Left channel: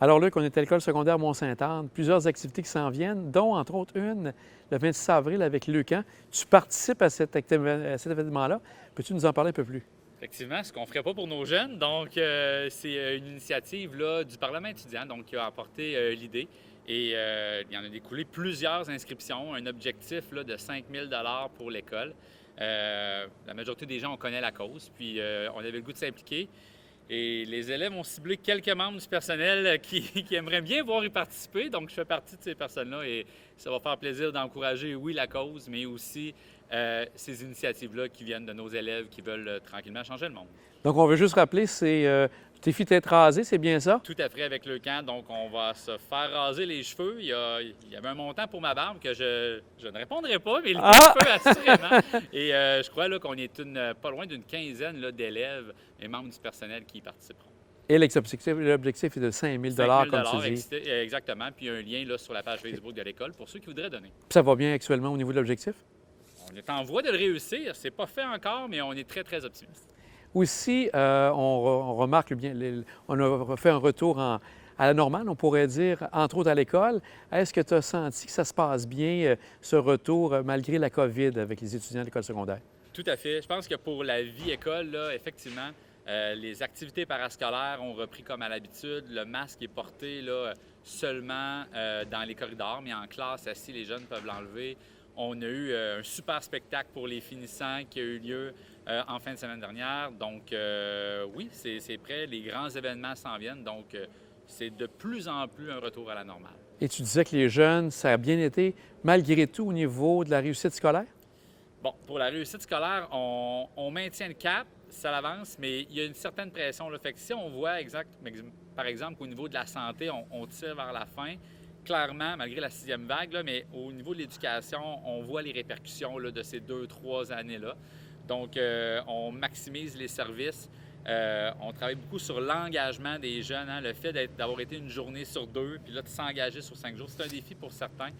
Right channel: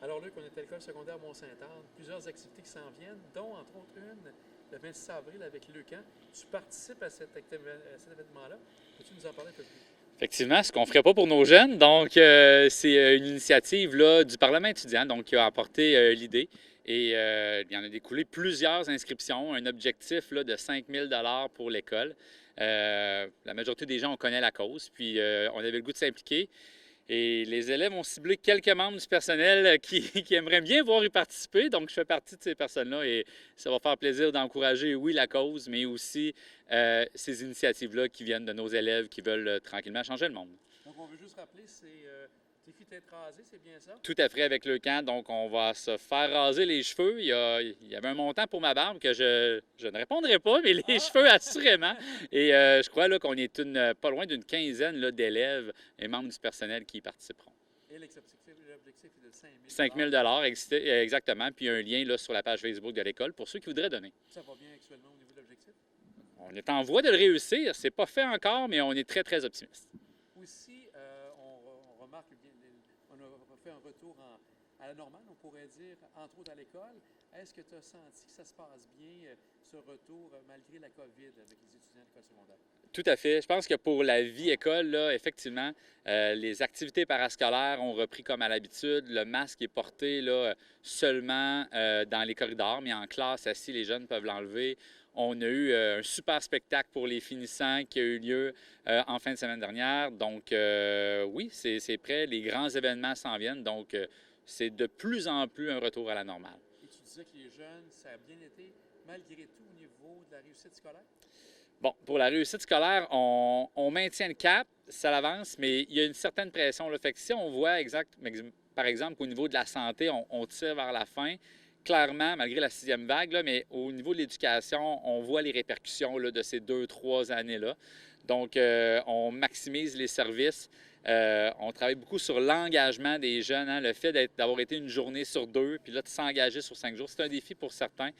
Alors Luc, on est à l'école secondaire Mont-Sainte-Anne, plusieurs activités qui s'en viennent, dont entre autres une le 26 avril avec Lucan. Tu participes à cet événement-là. Peux-tu nous en parler un peu plus? Effectivement, ce qu'on ne ferait pas pour nos jeunes. Donc, c'est une initiative là, du Parlement étudiant donc, qui a apporté l'idée. Et il y en a découlé plusieurs inscriptions, un objectif là, de 5 000 pour l'école. La majorité des gens, on connaît la cause, puis on avait le goût de s'impliquer. Et les élèves ont ciblé quelques membres du personnel qui aimeraient bien voir y participer. Donc, je fais partie de ces personnes-là et ça va faire plaisir d'encourager, oui, la cause, mais aussi ces initiatives-là qui viennent de nos élèves qui veulent tranquillement changer le monde. Donc, on veut juste rappeler, c'est défi tête rasée, c'est bien ça? Tout à fait avec le camp. Donc, on va se faire raser les cheveux. Il y avait un montant pour ma barbe que je ne répondrai pas, mais les cheveux, assurément. Et je crois là, qu'on est pas loin d'une quinzaine là, d'élèves et membres du personnel qui y participeront. Et l'objectif est de 5 000 5 000 comme tu dis. exactement. Puis un lien là, sur la page Facebook de l'école pour ceux qui voudraient donner. Puis ça va bien actuellement au niveau de l'objectif? On est en voie de le réussir. C'est pas fait encore, mais on est très, très optimiste. Aussi, on remarque bien, on a fait un retour à la normale, on pourrait dire, entre autres à l'école. Est-ce que tu as senti que ça se passe bien, ce retour, malgré la COVID avec les étudiants de l'école secondaire? Tout à fait. Je pense que pour la vie école, là, effectivement, les activités parascolaires ont repris comme à l'habitude. Le masque est porté là, seulement dans les corridors, mais en classe, assis, les jeunes peuvent l'enlever. On a eu un super spectacle pour les finissants qui a eu lieu en fin de semaine dernière. Donc, oui, c'est prêt. Les grands événements s'en viennent. Donc, c'est de plus en plus un retour à la normale. Et tu disais que les jeunes, ça a bien été, malgré tout, au niveau de la réussite scolaire? Bon, pour la réussite scolaire, on maintient le cap, ça avance, mais il y a une certaine pression. Là. Fait que si on voit par exemple qu'au niveau de la santé, on tire vers la fin, clairement, malgré la sixième vague, là, mais au niveau de l'éducation, on voit les répercussions là, de ces 2-3 années-là. Donc, on maximise les services. On travaille beaucoup sur l'engagement des jeunes, hein, le fait d'avoir été une journée sur 2, puis là, de s'engager sur 5 jours. C'est un défi pour certains.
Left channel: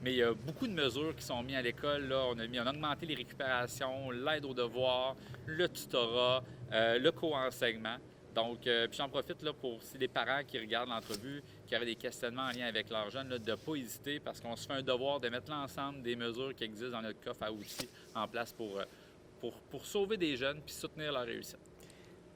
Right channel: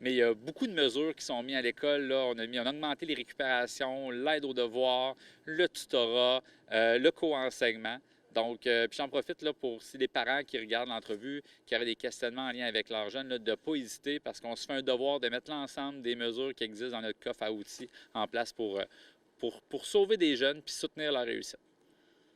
Mais il y a beaucoup de mesures qui sont mises à l'école. Là. On a augmenté les récupérations, l'aide aux devoirs, le tutorat, le co-enseignement. Donc, puis j'en profite là, pour si les parents qui regardent l'entrevue, qui auraient des questionnements en lien avec leurs jeunes, là, de ne pas hésiter parce qu'on se fait un devoir de mettre l'ensemble des mesures qui existent dans notre coffre à outils en place pour sauver des jeunes puis soutenir leur réussite.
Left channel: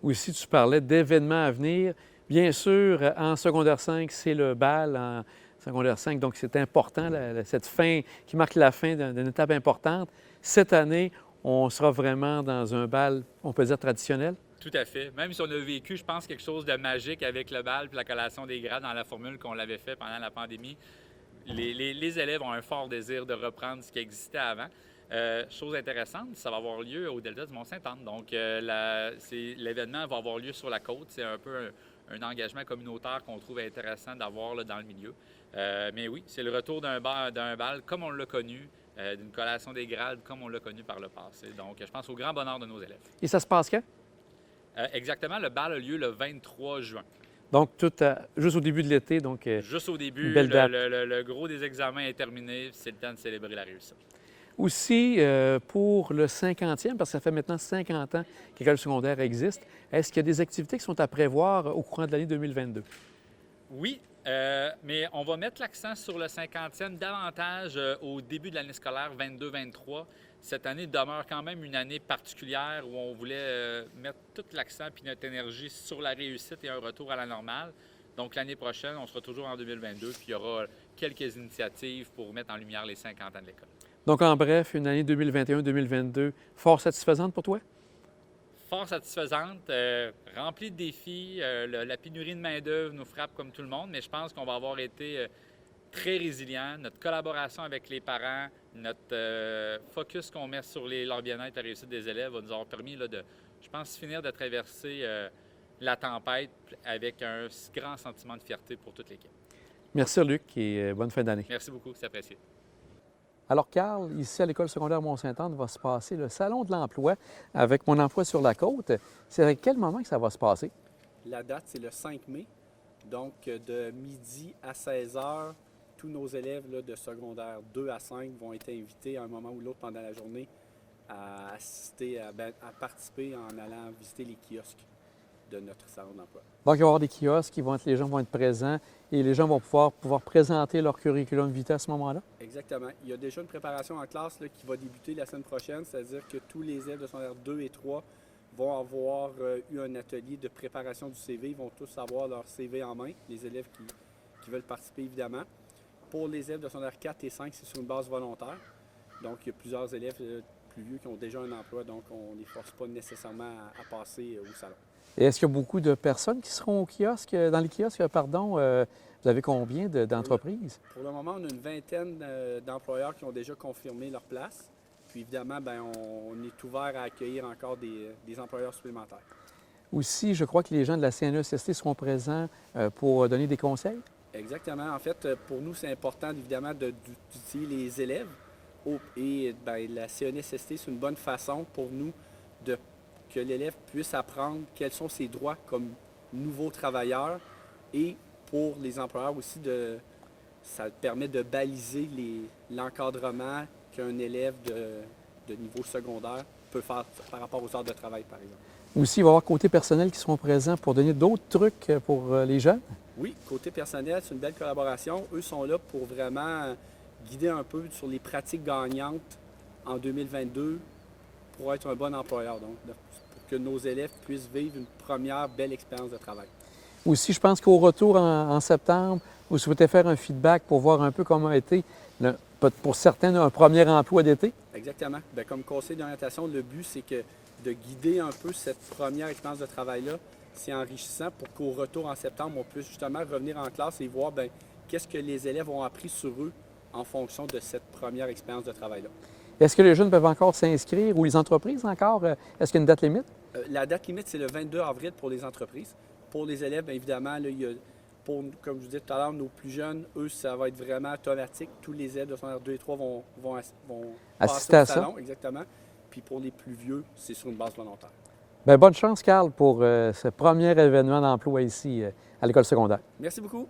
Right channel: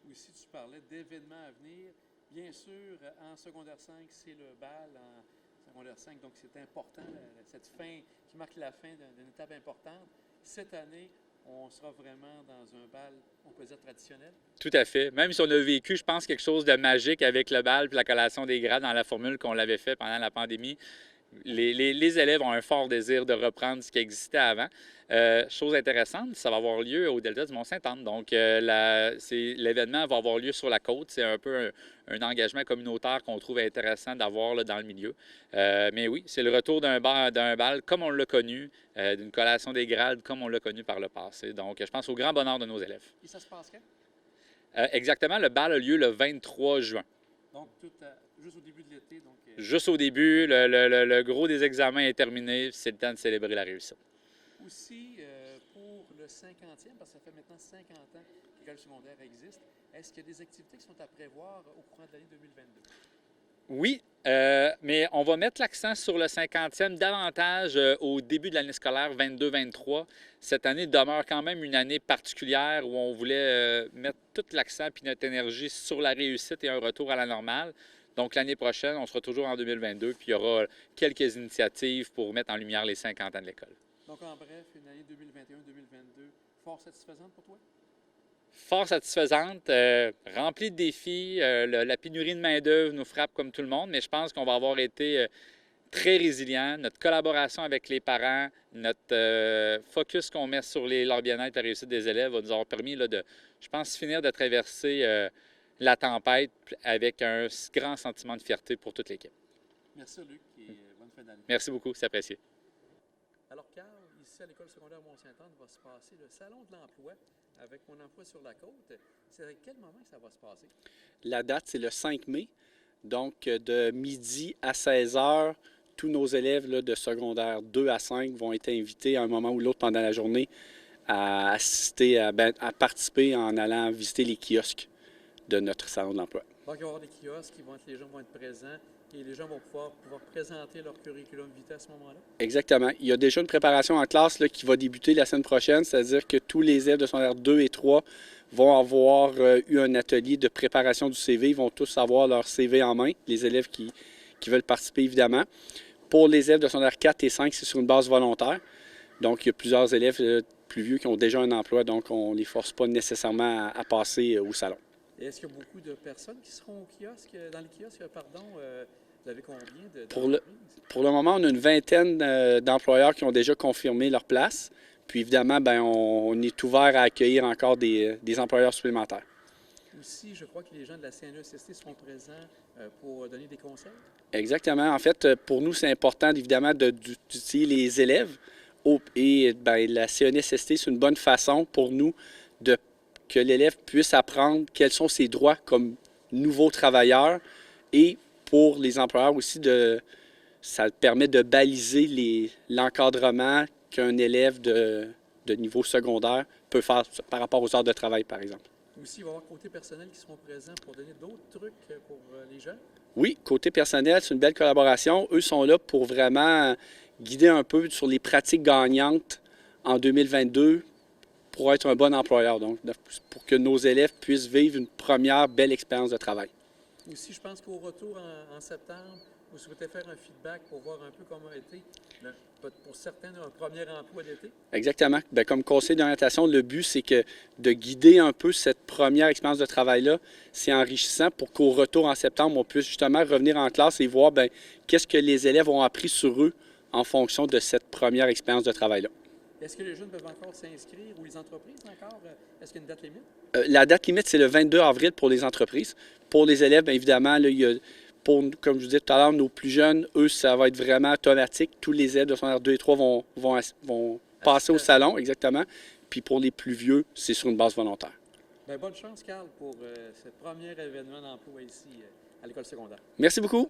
Aussi, tu parlais d'événements à venir. Bien sûr, en secondaire 5, c'est le bal en secondaire 5, donc c'est important, cette fin qui marque la fin d'une étape importante. Cette année, on sera vraiment dans un bal, on peut dire, traditionnel. Tout à fait. Même si on a vécu, je pense, quelque chose de magique avec le bal et la collation des grades dans la formule qu'on l'avait fait pendant la pandémie, les élèves ont un fort désir de reprendre ce qui existait avant. Chose intéressante, ça va avoir lieu au Delta du Mont-Sainte-Anne. Donc, l'événement va avoir lieu sur la côte. C'est un peu un engagement communautaire qu'on trouve intéressant d'avoir là, dans le milieu. Mais oui, c'est le retour d'un bal comme on l'a connu, d'une collation des grades comme on l'a connu par le passé. Donc, je pense au grand bonheur de nos élèves. Et ça se passe quand? Exactement, le bal a lieu le 23 juin. Donc, juste au début de l'été. Donc, juste au début, le gros des examens est terminé. C'est le temps de célébrer la réussite. Aussi, pour le 50e, parce que ça fait maintenant 50 ans que l'école secondaire existe, est-ce qu'il y a des activités qui sont à prévoir au courant de l'année 2022? Oui, mais on va mettre l'accent sur le 50e davantage au début de l'année scolaire 22-23. Cette année demeure quand même une année particulière où on voulait mettre tout l'accent et notre énergie sur la réussite et un retour à la normale. Donc, l'année prochaine, on sera toujours en 2022, puis il y aura quelques initiatives pour mettre en lumière les 50 ans de l'école. Donc, en bref, une année 2021-2022 fort satisfaisante pour toi? Fort satisfaisante, remplie de défis. La pénurie de main-d'œuvre nous frappe comme tout le monde, mais je pense qu'on va avoir été très résilient. Notre collaboration avec les parents, notre focus qu'on met sur leur bien-être et la réussite des élèves va nous avoir permis là, de, je pense, finir de traverser la tempête avec un grand sentiment de fierté pour toute l'équipe. Merci, Luc, et bonne fin d'année. Merci beaucoup, c'est apprécié. Alors, Carl, ici à l'École secondaire Mont-Sainte-Anne va se passer le Salon de l'emploi avec Mon emploi sur la côte. C'est à quel moment que ça va se passer? La date, c'est le 5 mai. Donc, de midi à 16 h, tous nos élèves là, de secondaire 2 à 5 vont être invités à un moment ou l'autre pendant la journée à participer en allant visiter les kiosques de notre Salon de l'emploi. Donc, il va y avoir des kiosques, les gens vont être présents et les gens vont pouvoir présenter leur curriculum vitae à ce moment-là. Exactement. Il y a déjà une préparation en classe là, qui va débuter la semaine prochaine, c'est-à-dire que tous les élèves de secondaire 2 et 3 vont avoir eu un atelier de préparation du CV. Ils vont tous avoir leur CV en main, les élèves qui veulent participer évidemment. Pour les élèves de secondaire 4 et 5, c'est sur une base volontaire. Donc, il y a plusieurs élèves plus vieux qui ont déjà un emploi, donc on ne les force pas nécessairement à passer au salon. Et est-ce qu'il y a beaucoup de personnes qui seront au kiosque, dans les kiosques, pardon? Vous avez combien d'entreprises? Pour le moment, on a une vingtaine d'employeurs qui ont déjà confirmé leur place. Puis évidemment, bien, on est ouvert à accueillir encore des employeurs supplémentaires. Aussi, je crois que les gens de la CNESST seront présents pour donner des conseils. Exactement. En fait, pour nous, c'est important évidemment d'utiliser les élèves. Et bien, la CNESST, c'est une bonne façon pour nous que l'élève puisse apprendre quels sont ses droits comme nouveau travailleur et pour les employeurs aussi, ça permet de baliser l'encadrement qu'un élève de niveau secondaire peut faire par rapport aux heures de travail, par exemple. Aussi, il va y avoir côté personnel qui seront présents pour donner d'autres trucs pour les jeunes. Oui, côté personnel, c'est une belle collaboration. Eux sont là pour vraiment guider un peu sur les pratiques gagnantes en 2022 pour être un bon employeur, donc pour que nos élèves puissent vivre une première belle expérience de travail. Aussi, je pense qu'au retour en septembre, vous souhaitez faire un feedback pour voir un peu comment a été, pour certains, un premier emploi d'été. Exactement. Bien, comme conseil d'orientation, le but, c'est que de guider un peu cette première expérience de travail-là, c'est enrichissant pour qu'au retour en septembre, on puisse justement revenir en classe et voir bien, qu'est-ce que les élèves ont appris sur eux en fonction de cette première expérience de travail-là. Est-ce que les jeunes peuvent encore s'inscrire ou les entreprises encore? Est-ce qu'il y a une date limite? La date limite, c'est le 22 avril pour les entreprises. Pour les élèves, bien évidemment, là, comme je vous disais tout à l'heure, nos plus jeunes, eux, ça va être vraiment automatique. Tous les élèves de secondaire 2 et 3 vont passer au salon, exactement. Puis pour les plus vieux, c'est sur une base volontaire. Bien, bonne chance, Carl, pour ce premier événement d'emploi ici à l'école secondaire. Merci beaucoup.